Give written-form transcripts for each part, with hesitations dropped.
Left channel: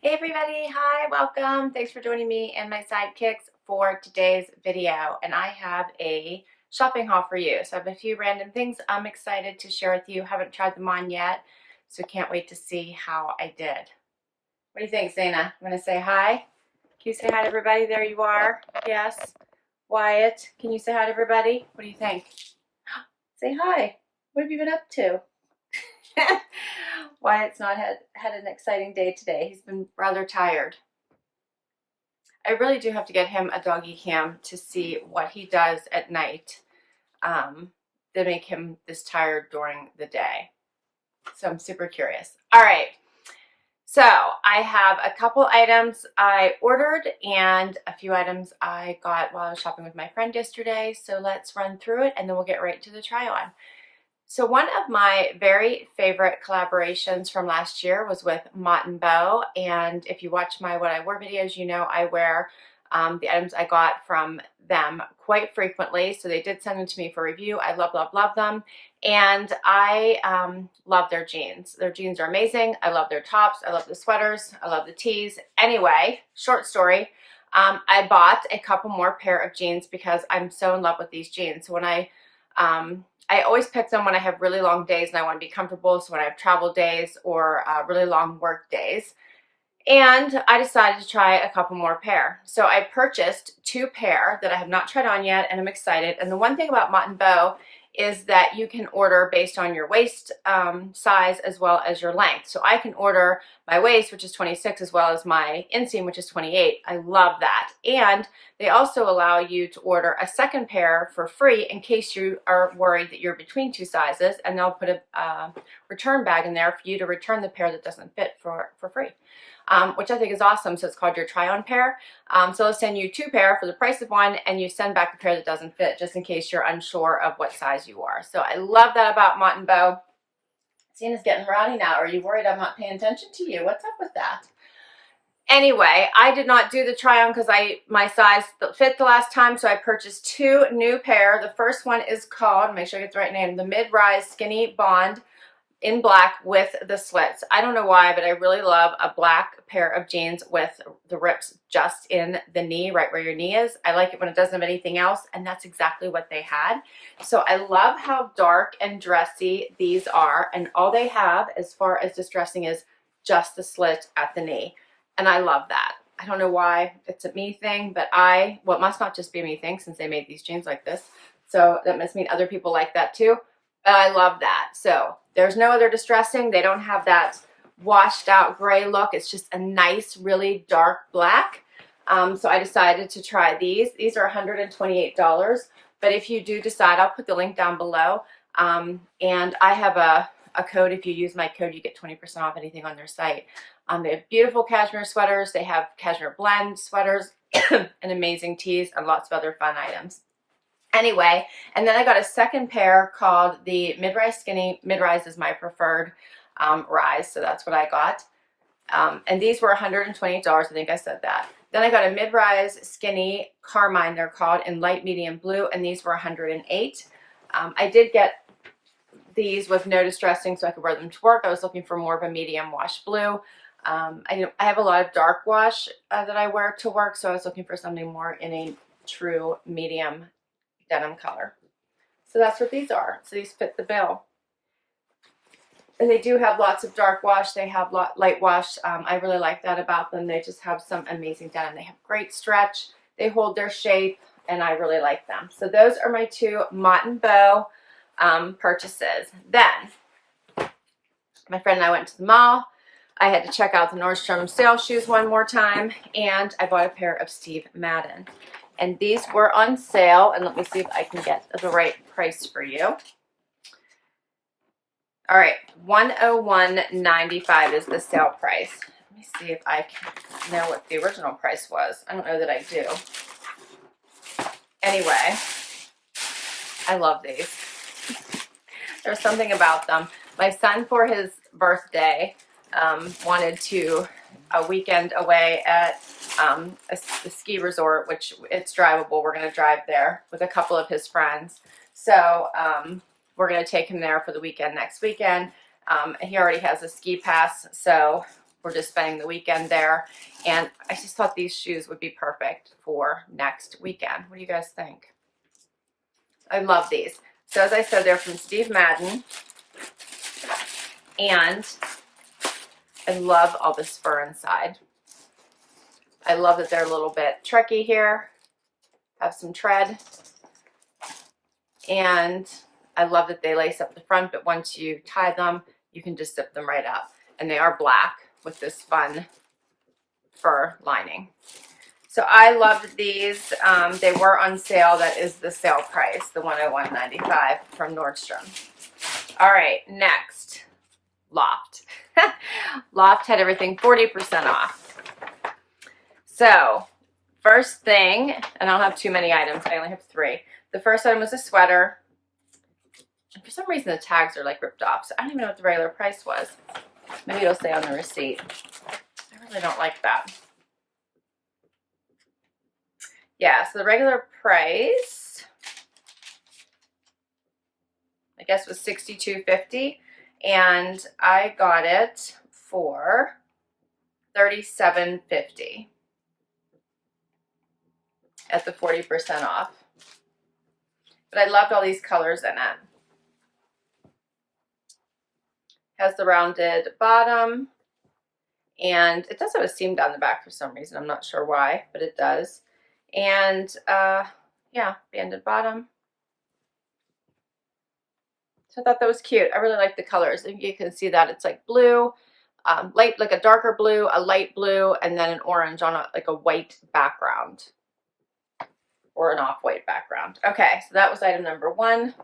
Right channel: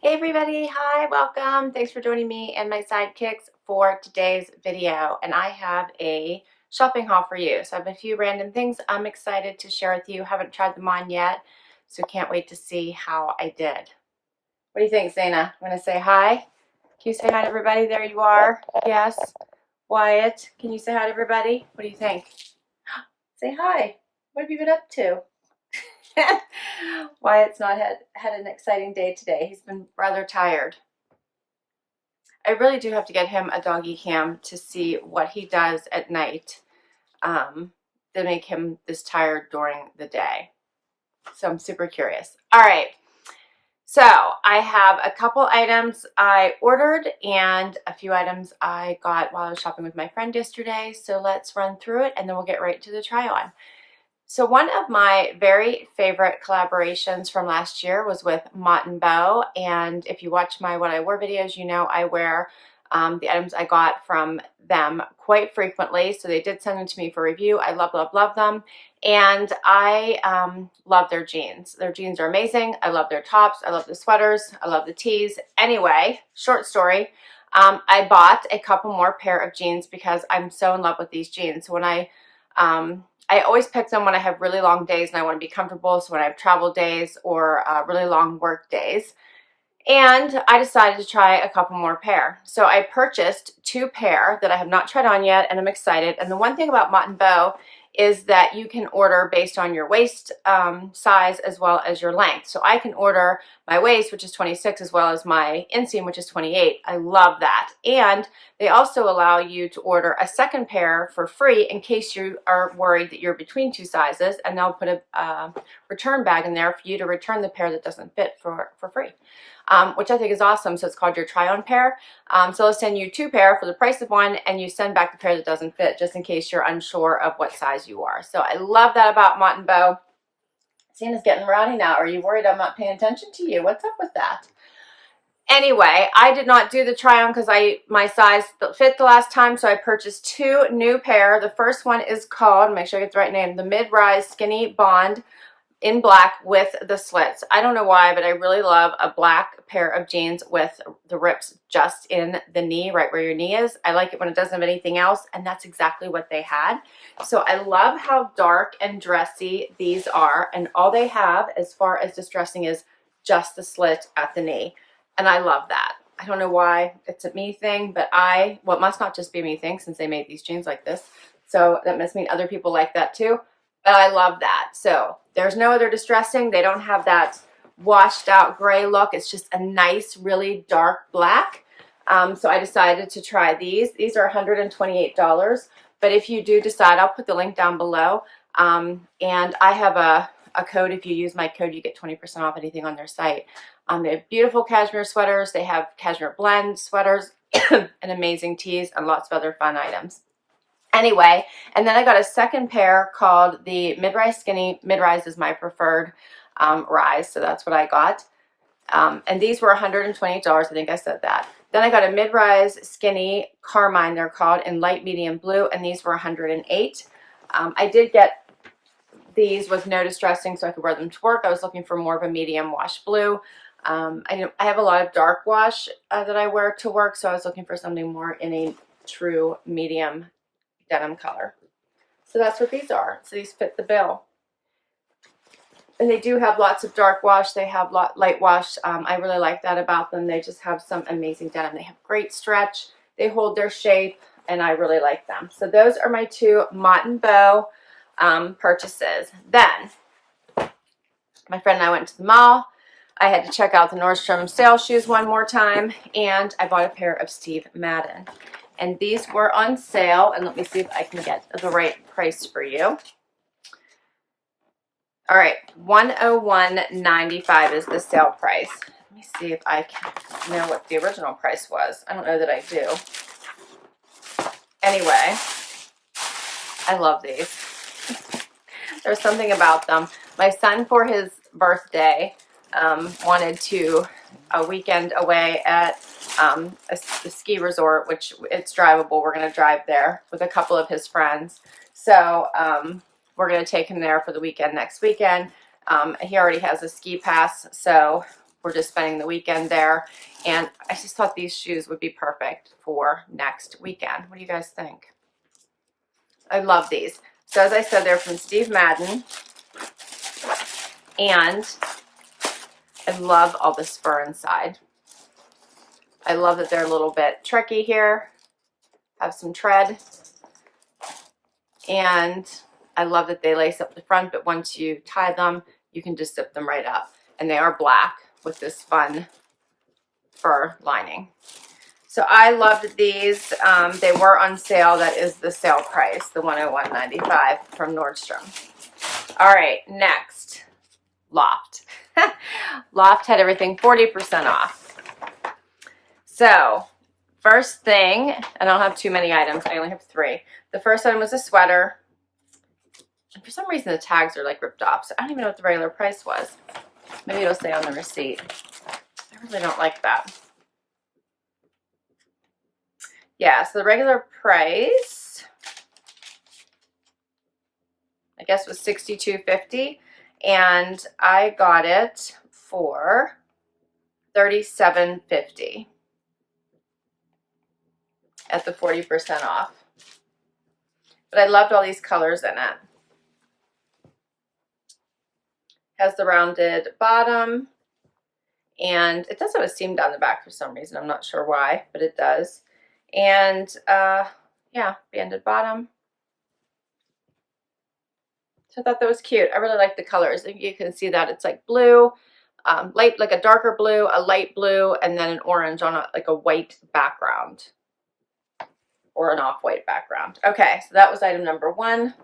Hey everybody, hi, welcome. Thanks for joining me and my sidekicks for today's video. And I have a shopping haul for you. So I have a few random things I'm excited to share with you. Haven't tried them on yet, so can't wait to see how I did. What do you think, Zaina? Want to say hi? Can you say hi to everybody? There you are. Yes. Wyatt, can you say hi to everybody? What do you think? Say hi. What have you been up to? Wyatt's not had an exciting day today. He's been rather tired. I really do have to get him a doggy cam to see what he does at night to make him this tired during the day. So I'm super curious. All right. So I have a couple items I ordered and a few items I got while I was shopping with my friend yesterday. So let's run through it and then we'll get right to the try on. So one of my very favorite collaborations from last year was with Mott Bow. And if you watch my What I Wear videos, you know I wear the items I got from them quite frequently. So they did send them to me for review. I love, love, love them. And I love their jeans. Their jeans are amazing. I love their tops. I love the sweaters. I love the tees. Anyway, short story. I bought a couple more pair of jeans because I'm so in love with these jeans. So when I always pick them when I have really long days and I want to be comfortable. So when I have travel days or really long work days. And I decided to try a couple more pair. So I purchased 2 pair that I have not tried on yet and I'm excited. And the one thing about Mott Bow is that you can order based on your waist size as well as your length. So I can order my waist, which is 26, as well as my inseam, which is 28. I love that. And they also allow you to order a second pair for free in case you are worried that you're between 2 sizes, and they'll put a return bag in there for you to return the pair that doesn't fit for free. Which I think is awesome. So it's called your try-on pair. So they'll send you 2 pair for the price of 1, and you send back the pair that doesn't fit just in case you're unsure of what size you are. So I love that about Mott Bow. Cena's getting rowdy now. Are you worried I'm not paying attention to you? What's up with that? Anyway, I did not do the try-on because my size fit the last time, so I purchased 2 new pair. The first one is called, make sure I get the right name, the Mid-Rise Skinny Bond in black with the slits. I don't know why, but I really love a black pair of jeans with the rips just in the knee, right where your knee is. I like it when it doesn't have anything else, and that's exactly what they had. So I love how dark and dressy these are, and all they have as far as distressing is just the slit at the knee, and I love that. I don't know why it's a me thing, but well, it must not just be a me thing since they made these jeans like this. So that must mean other people like that too. I love that. So there's no other distressing. They don't have that washed out gray look. It's just a nice, really dark black. So I decided to try these. These are $128. But if you do decide, I'll put the link down below. And I have a code. If you use my code, you get 20% off anything on their site. They have beautiful cashmere sweaters. They have cashmere blend sweaters and amazing tees and lots of other fun items. Anyway, and then I got a second pair called the Mid-Rise Skinny. Mid-Rise is my preferred rise, so that's what I got. And these were $128. I think I said that. Then I got a Mid-Rise Skinny Carmine, they're called, in light medium blue, and these were $108. I did get these with no distressing so I could wear them to work. I was looking for more of a medium wash blue. I have a lot of dark wash that I wear to work, so I was looking for something more in a true medium denim color. So that's what these are. So these fit the bill. And they do have lots of dark wash. They have light wash. I really like that about them. They just have some amazing denim. They have great stretch. They hold their shape, and I really like them. So those are my 2 Mott Bow purchases. Then my friend and I went to the mall. I had to check out the Nordstrom sale shoes one more time, and I bought a pair of Steve Madden. And these were on sale, and let me see if I can get the right price for you. All right, $101.95 is the sale price. Let me see if I can know what the original price was. I don't know that I do. Anyway, I love these. There's something about them. My son, for his birthday, wanted a weekend away at a ski resort, which it's drivable. We're going to drive there with a couple of his friends. So we're going to take him there for the weekend next weekend. He already has a ski pass, so we're just spending the weekend there. And I just thought these shoes would be perfect for next weekend. What do you guys think? I love these. So as I said, they're from Steve Madden. And I love all this fur inside. I love that they're a little bit trekky here, have some tread. And I love that they lace up the front, but once you tie them, you can just zip them right up. And they are black with this fun fur lining. So I loved these. They were on sale. That is the sale price, the $101.95 from Nordstrom. All right, next, Loft. Loft had everything 40% off. So first thing, and I don't have too many items. I only have 3. The first item was a sweater. And for some reason, the tags are like ripped off. So I don't even know what the regular price was. Maybe it'll say on the receipt. I really don't like that. Yeah, so the regular price, I guess, was $62.50, and I got it for $37.50 at the 40% off. But I loved all these colors in it. Has the rounded bottom, and it does have a seam down the back for some reason. I'm not sure why, but it does. And yeah, banded bottom. So I thought that was cute. I really like the colors. You can see that it's like blue, light, like a darker blue, a light blue, and then an orange on like a white background or an off-white background. Okay, so that was item number 1.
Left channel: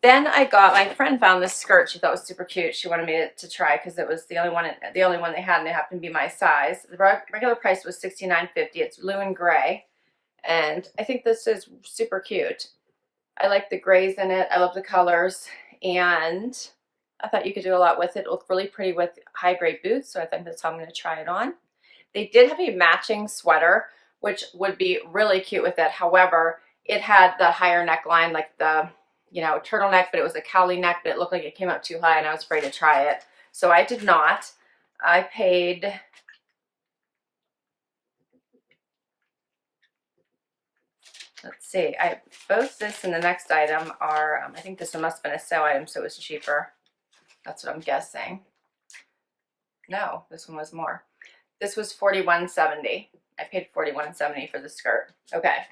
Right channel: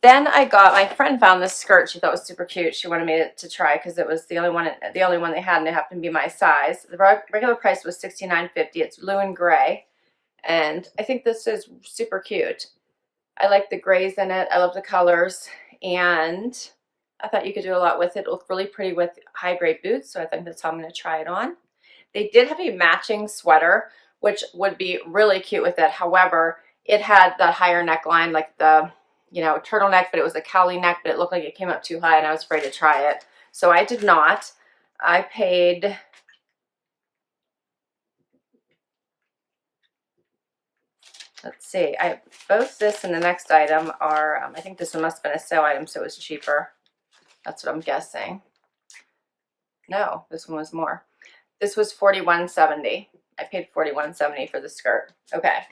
Then I got, my friend found this skirt she thought was super cute. She wanted me to try because it was the only one they had, and it happened to be my size. The regular price was $69.50. It's blue and gray, and I think this is super cute. I like the grays in it. I love the colors, and I thought you could do a lot with it. It looked really pretty with high grade boots, so I think that's how I'm going to try it on. They did have a matching sweater, which would be really cute with it. However, it had the higher neckline, like the, you know, turtleneck, but it was a cowlie neck, but it looked like it came up too high, and I was afraid to try it. So I did not. I paid, let's see, both this and the next item are, I think this one must have been a sale item, so it was cheaper. That's what I'm guessing. No, this one was more. This was $41.70. I paid $41.70 for the skirt. Okay.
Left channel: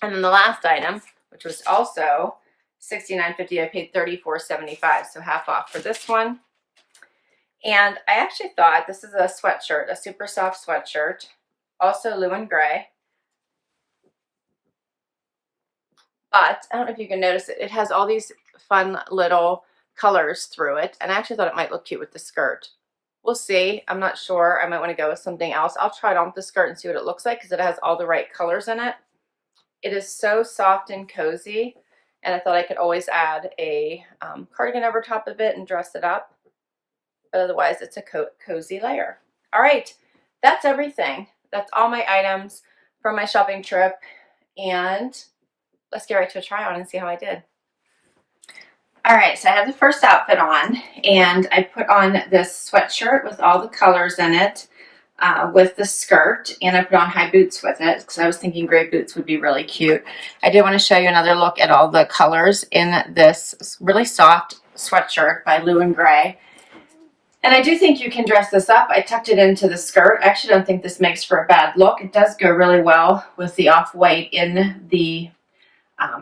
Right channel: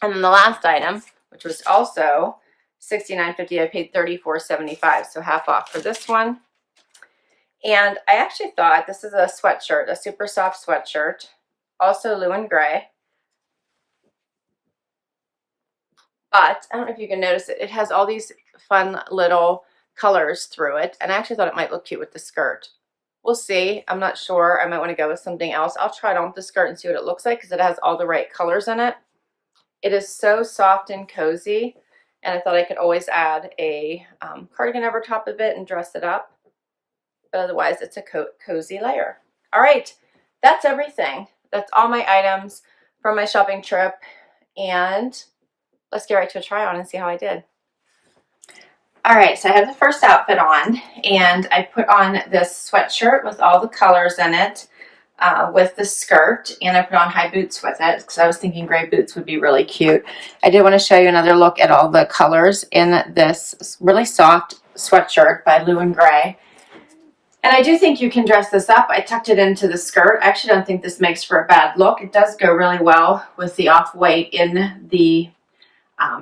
And then the last item, which was also $69.50, I paid $34.75, so half off for this one. And I actually thought this is a sweatshirt, a super soft sweatshirt, also blue and gray. But I don't know if you can notice it. It has all these fun little colors through it, and I actually thought it might look cute with the skirt. We'll see. I'm not sure. I might want to go with something else. I'll try it on with the skirt and see what it looks like because it has all the right colors in it. It is so soft and cozy, and I thought I could always add a cardigan over top of it and dress it up. But otherwise, it's a cozy layer. All right, that's everything. That's all my items from my shopping trip, and let's get right to a try on and see how I did. All right, so I have the first outfit on, and I put on this sweatshirt with all the colors in it with the skirt, and I put on high boots with it because I was thinking gray boots would be really cute. I did want to show you another look at all the colors in this really soft sweatshirt by Blue and Gray. And I do think you can dress this up. I tucked it into the skirt. I actually don't think this makes for a bad look. It does go really well with the off-white in the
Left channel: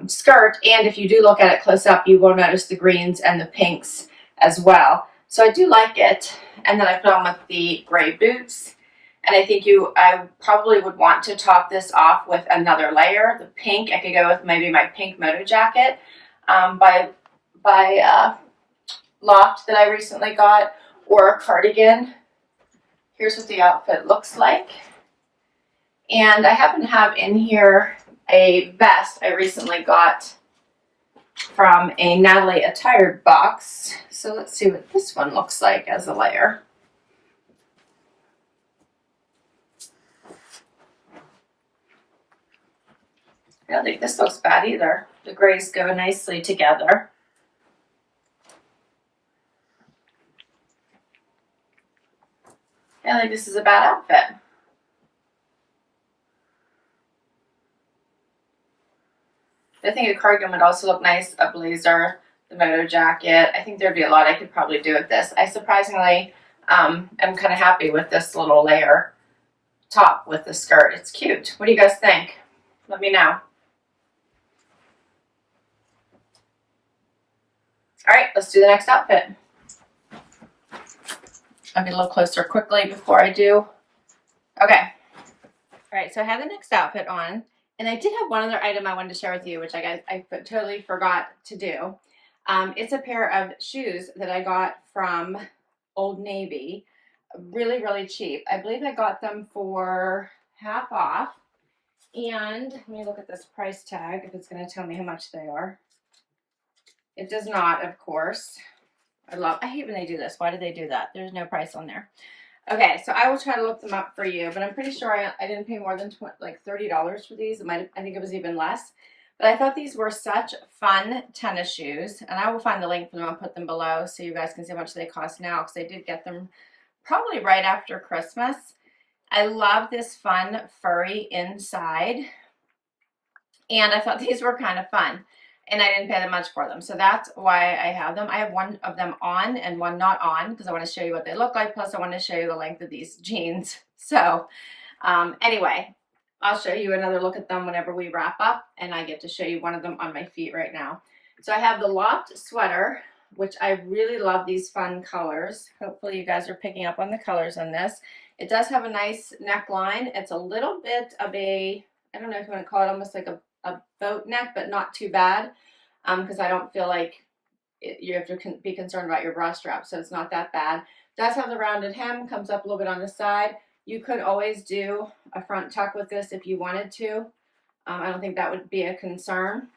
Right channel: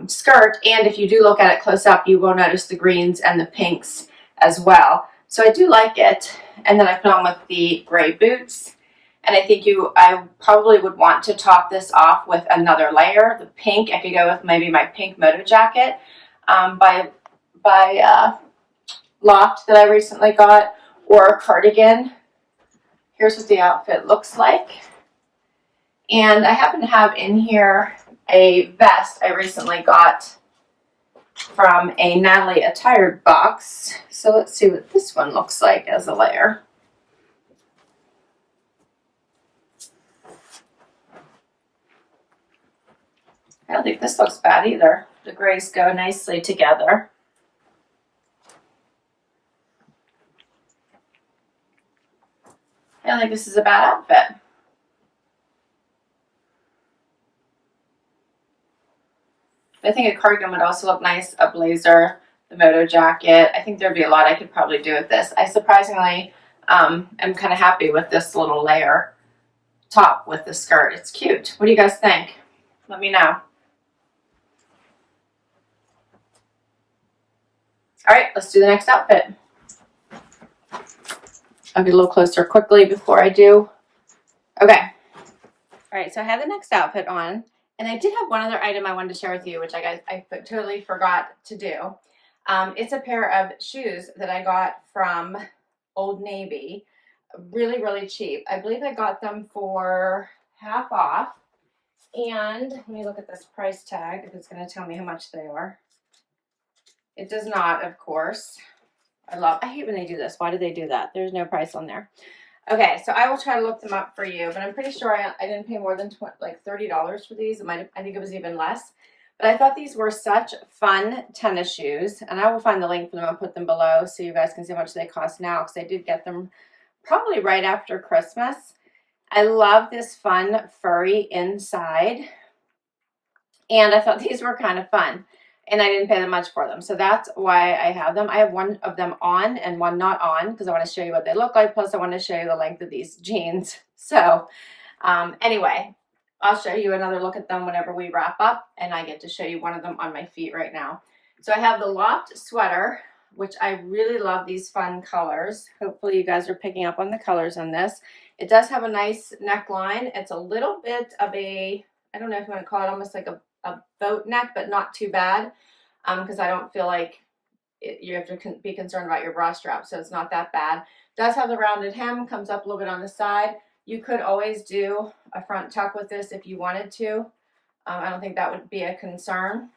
skirt, and if you do look at it close up, you will notice the greens and the pinks as well. So I do like it. And then I put on with the gray boots, and I think I probably would want to top this off with another layer. The pink, I could go with maybe my pink moto jacket by Loft that I recently got, or a cardigan. Here's what the outfit looks like. And I happen to have in here a vest I recently got from a Natalie Attired box. So let's see what this one looks like as a layer. I don't think this looks bad either. The grays go nicely together. I think this is a bad outfit. I think a cardigan would also look nice, a blazer, the moto jacket. I think there'd be a lot I could probably do with this. I surprisingly am kind of happy with this little layer top with the skirt. It's cute. What do you guys think? Let me know. All right, let's do the next outfit. I'll get a little closer quickly before I do. Okay. All right, so I have the next outfit on, and I did have one other item I wanted to share with you, which I totally forgot to do. It's a pair of shoes that I got from Old Navy, really, really cheap. I believe I got them for half off. And let me look at this price tag if it's going to tell me how much they are. It does not, of course. I hate when they do this. Why do they do that? There's no price on there. Okay, so I will try to look them up for you, but I'm pretty sure I didn't pay more than like $30 for these. I think it was even less. But I thought these were such fun tennis shoes, and I will find the link for them and put them below so you guys can see how much they cost now, because I did get them probably right after Christmas. I love this fun furry inside, and I thought these were kind of fun, and I didn't pay that much for them, so that's why I have them. I have one of them on and one not on because I want to show you what they look like, plus I want to show you the length of these jeans. So anyway, I'll show you another look at them whenever we wrap up, and I get to show you one of them on my feet right now. So I have the Loft sweater, which I really love these fun colors. Hopefully you guys are picking up on the colors on this. It does have a nice neckline. It's a little bit of a, I don't know if you want to call it almost like a boat neck, but not too bad, because I don't feel like you have to be concerned about your bra strap, so it's not that bad. It does have the rounded hem, comes up a little bit on the side. You could always do a front tuck with this if you wanted to. I don't think that would be a concern.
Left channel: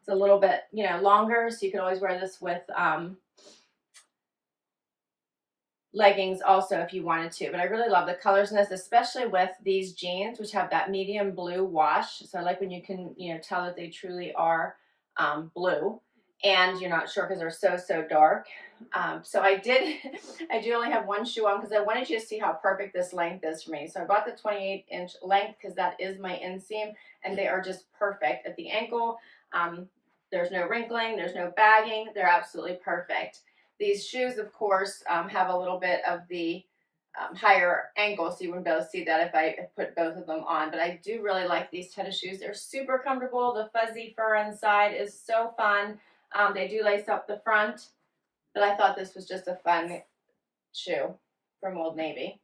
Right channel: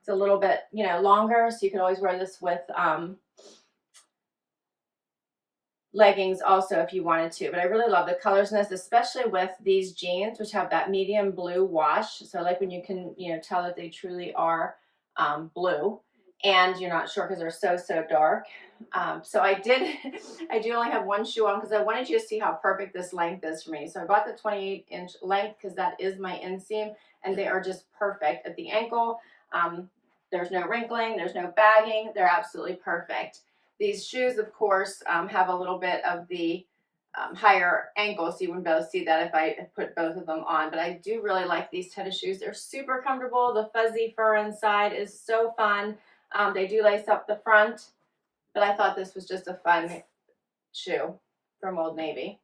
It's a little bit, longer, so you can always wear this with leggings also if you wanted to. But I really love the colors in this, especially with these jeans, which have that medium blue wash. So like when you can, tell that they truly are blue, and you're not sure because they're so dark. So I do only have one shoe on because I wanted you to see how perfect this length is for me. So I bought the 28-inch length because that is my inseam, and they are just perfect at the ankle. There's no wrinkling, there's no bagging. They're absolutely perfect. These shoes, of course, have a little bit of the higher ankle, so you wouldn't be able to see that if I put both of them on. But I do really like these tennis shoes. They're super comfortable. The fuzzy fur inside is so fun. They do lace up the front, but I thought this was just a fun shoe from Old Navy.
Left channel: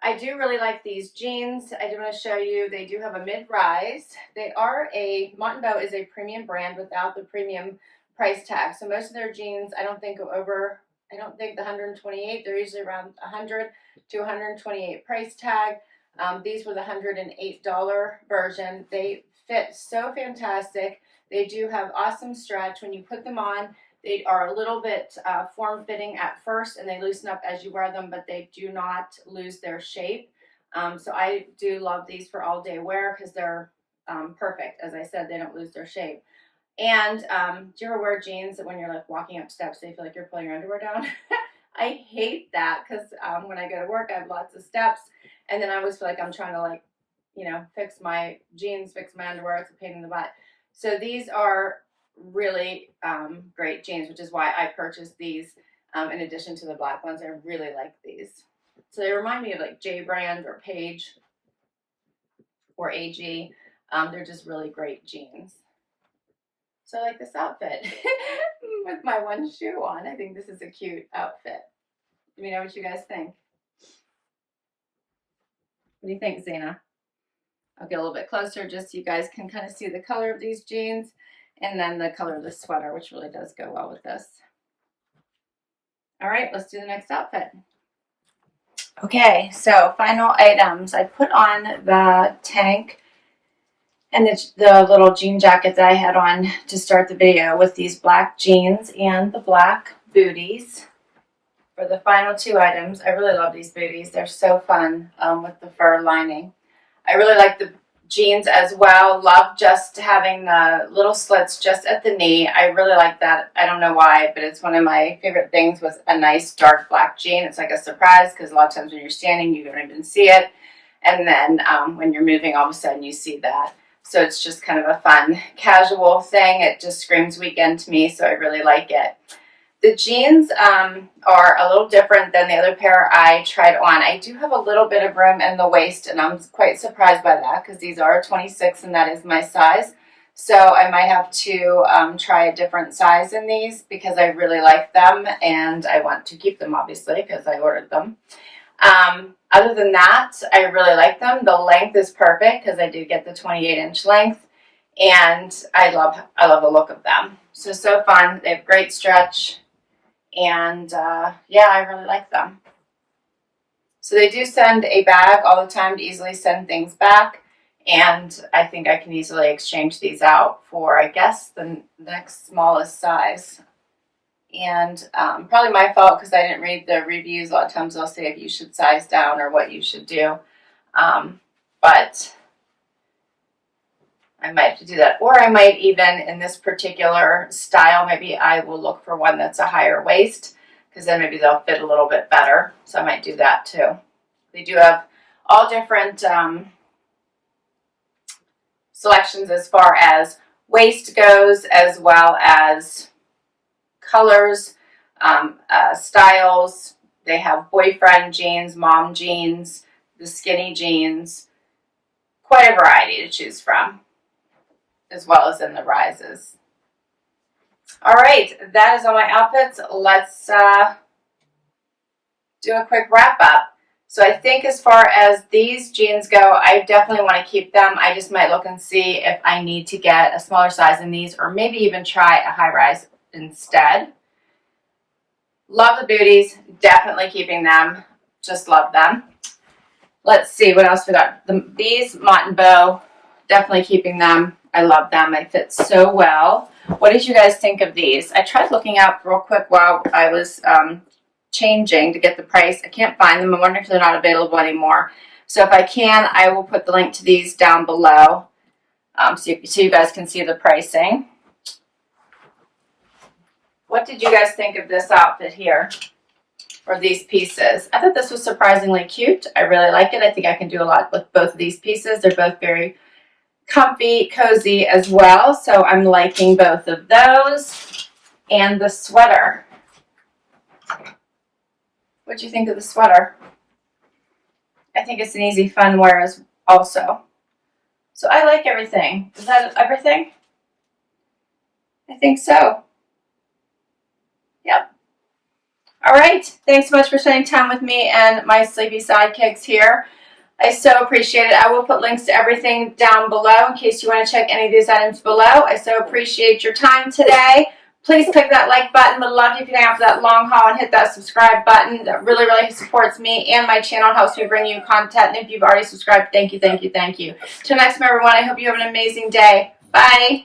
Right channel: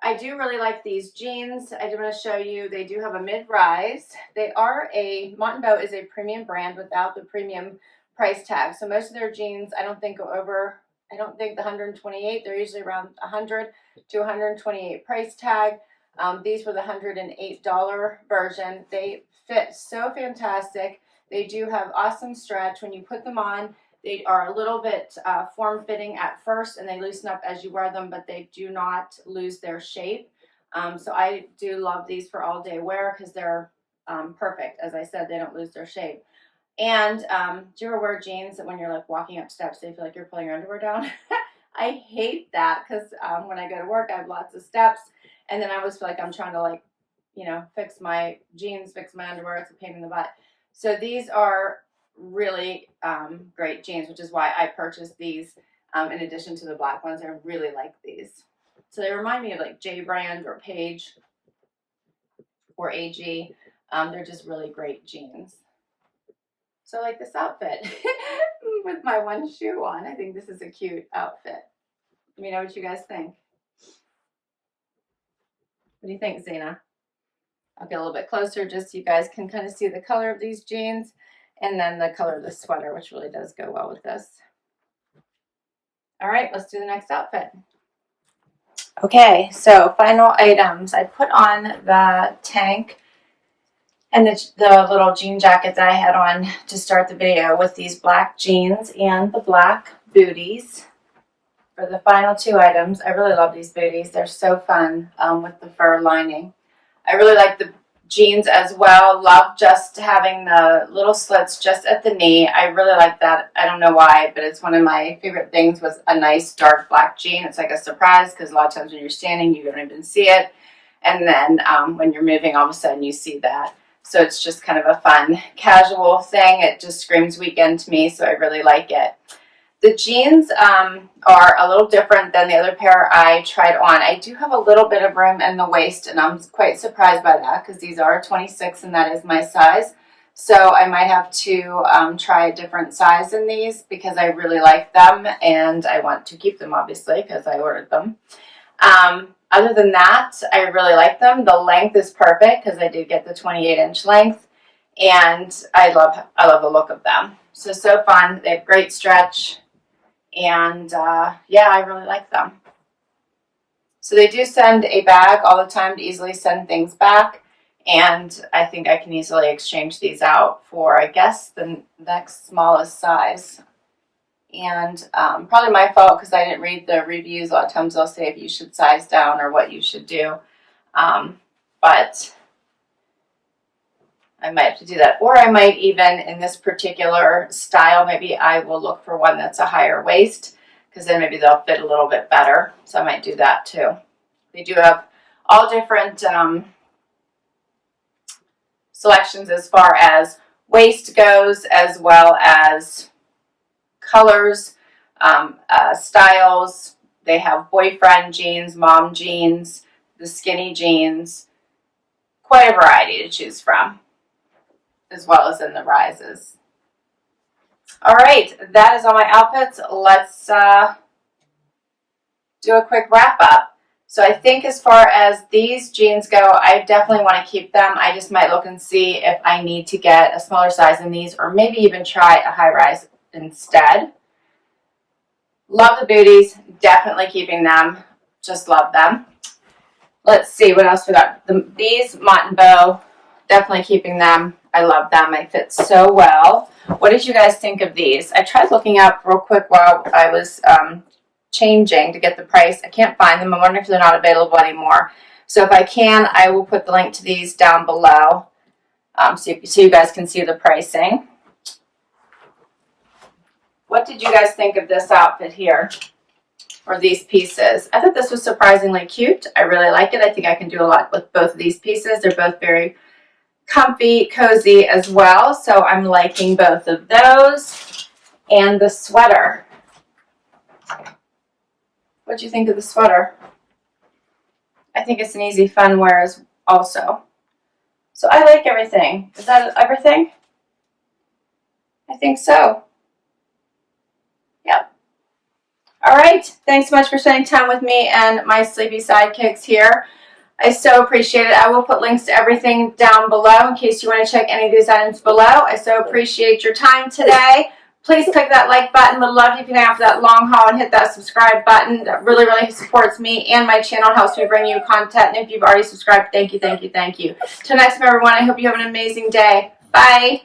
I do really like these jeans. I do want to show you, they do have a mid-rise. They are Mott Bow is a premium brand without the premium price tag. So most of their jeans, I don't think go over, I don't think the 128, they're usually around 100 to 128 price tag. These were the $108 version. They fit so fantastic. They do have awesome stretch. When you put them on, they are a little bit form-fitting at first, and they loosen up as you wear them, but they do not lose their shape. So I do love these for all-day wear because they're perfect. As I said, they don't lose their shape. And do you ever wear jeans that when you're like walking up steps, they feel like you're pulling your underwear down? I hate that because when I go to work, I have lots of steps, and then I always feel like I'm trying to fix my jeans, fix my underwear. It's a pain in the butt. So these are really great jeans, which is why I purchased these in addition to the black ones. I really like these. So they remind me of like J Brand or Page or AG. They're just really great jeans. So I like this outfit with my one shoe on. I think this is a cute outfit. Let me know what you guys think. What do you think, Zena? I'll get a little bit closer just so you guys can kind of see the color of these jeans, and then the color of the sweater, which really does go well with this. All right, let's do the next outfit. Okay, so final items. I put on the tank and the little jean jacket that I had on to start the video with these black jeans and the black booties for the final two items. I really love these booties. They're so fun with the fur lining. I really like the jeans as well. Love just having the little slits just at the knee. I really like that. I don't know why, but it's one of my favorite things with a nice dark black jean. It's like a surprise because a lot of times when you're standing, you don't even see it. And then when you're moving, all of a sudden you see that. So it's just kind of a fun, casual thing. It just screams weekend to me, so I really like it. The jeans are a little different than the other pair I tried on. I do have a little bit of room in the waist, and I'm quite surprised by that because these are 26 and that is my size. So I might have to try a different size in these because I really like them and I want to keep them obviously because I ordered them. Other than that, I really like them. The length is perfect because I did get the 28-inch length, and I love the look of them. So fun. They have great stretch. And yeah, I really like them. So they do send a bag all the time to easily send things back. And I think I can easily exchange these out for, I guess, the next smallest size. And probably my fault because I didn't read the reviews. A lot of times they'll say if you should size down or what you should do. But I might have to do that. Or I might even, in this particular style, maybe I will look for one that's a higher waist because then maybe they'll fit a little bit better. So I might do that too. They do have all different selections as far as waist goes, as well as colors, styles. They have boyfriend jeans, mom jeans, the skinny jeans. Quite a variety to choose from, as well as in the rises. All right, that is all my outfits. Let's do a quick wrap up. So I think as far as these jeans go, I definitely want to keep them. I just might look and see if I need to get a smaller size in these or maybe even try a high rise instead. Love the booties, definitely keeping them. Just love them. Let's see what else we got. These Mott Bow, definitely keeping them. I love them. They fit so well. What did you guys think of these? I tried looking up real quick while I was changing to get the price. I can't find them. I'm wondering if they're not available anymore. So if I can, I will put the link to these down below so you guys can see the pricing. What did you guys think of this outfit here? Or these pieces? I thought this was surprisingly cute. I really like it. I think I can do a lot with both of these pieces. They're both very comfy, cozy as well. So I'm liking both of those. And the sweater. What'd you think of the sweater? I think it's an easy, fun wear also. So I like everything. Is that everything? I think so. Yep. All right. Thanks so much for spending time with me and my sleepy sidekicks here. I so appreciate it. I will put links to everything down below in case you want to check any of these items below. I so appreciate your time today. Please click that like button. Would love you if you can after that long haul and hit that subscribe button. That really, really supports me and my channel. Helps me bring you content. And if you've already subscribed, thank you, thank you, thank you. Till next time, everyone, I hope you have an amazing day. Bye.